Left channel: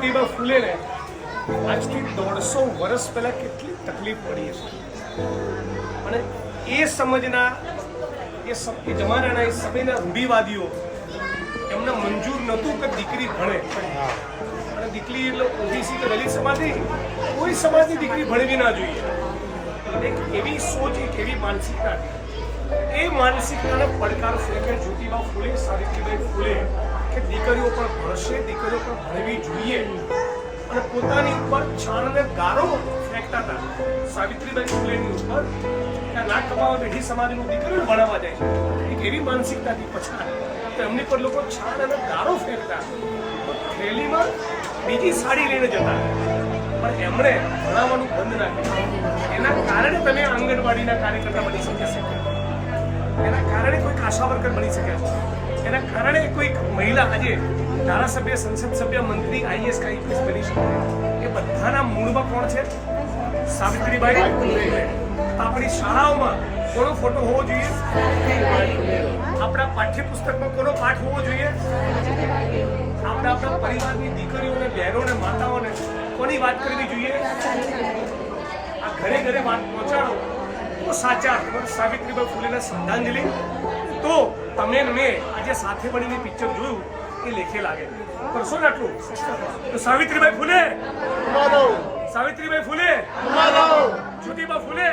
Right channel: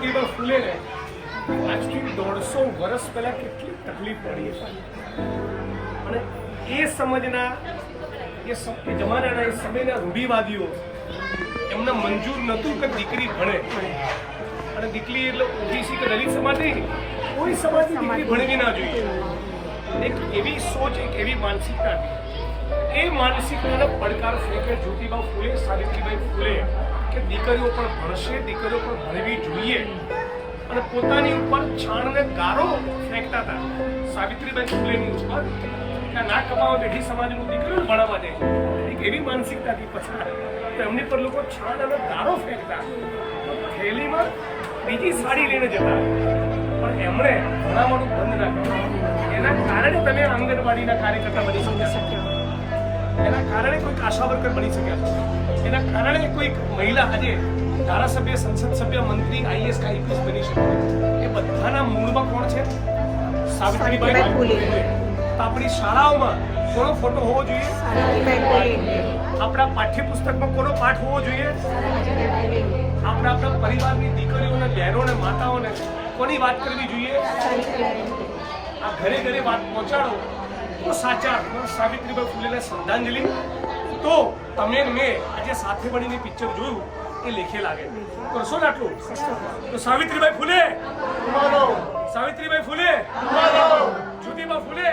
જ્યોતિબા ફૂલે આજથી 150 વર્ષ પહેલા કેટલી તકલીફ પડી હશે અને એ સમજના એ જમાનાના એ સમયના રૂઢિવાદીઓ એમને મંજૂર નહોતું કે દીકરી ભણે અને દીકરી એટલે ઓબીસી કે દલિત સમાજ નહીં, કોઈ સમાજની દીકરી ભણવી ના જોઈએ. એક એવી સોચ, એક એવી માનસિકતા હતી. એ માનસિકતાને પડકાર ફેંકે જ્યોતિબા ફૂલે, સાવિત્રીબાઈ ફૂલે કે દીકરીઓ પણ ભણશે, દીકરીઓ પણ ભણવી જોઈએ અને પોતાની ઉપર છાણ અને ગારો ફેંકતા હતા સાવિત્રીબાઈ ફૂલેની ઉપર કે ના કમાવા બેઠી સમાજનું દીકરીઓને ભણાવવા જાય. એક એવી માનસિકતાથી પછાડ તો એમની પર લોકો છાણ અને ગારો ફેંકતા, થેલીમાં બીજી સાડી લઈને જતા, પણ એમણે ભણાવવાનું બંધ ના કર્યું. એના કારણે તમે આંગણવાડીના કાર્યકર્તા બની શક્યા છો, એના કારણે કોઈક આશા વર્કર બની શક્યા છો, એના કારણે કોઈક મહિલા આજે ધારાસભ્ય, સંસદ સભ્ય, મંત્રી, આઈએસ કે આઈપીએસ બની શકે. એ બધાના મૂળમાં કોણ છે? સાવિત્રીબાઈ ફૂલે. આપણી શાળાઓમાં કોનો ફોટો હોવો જોઈએ? આપણા પાઠ્યપુસ્તકમાં કોનો પાઠ હોવો જોઈએ? આપણા પરિવારની દીકરીઓને, બહેનોને, માતાઓને કોની વાત કરવી જોઈએ? આ ઘરે ઘરે વાત પહોંચાડો તો સાચા અર્થમાં સાવિત્રીબાઈ ફૂલેને શ્રદ્ધાંજલિ. તો તમે મેં આજે સાથે મળીને પિક્ચર જોયું એ લેખે લાગે. કરશો ને આટલું? તો સાવિત્રીબાઈ ફૂલે, સાવિત્રીબાઈ ફૂલે, જ્યોતિબા ફૂલે.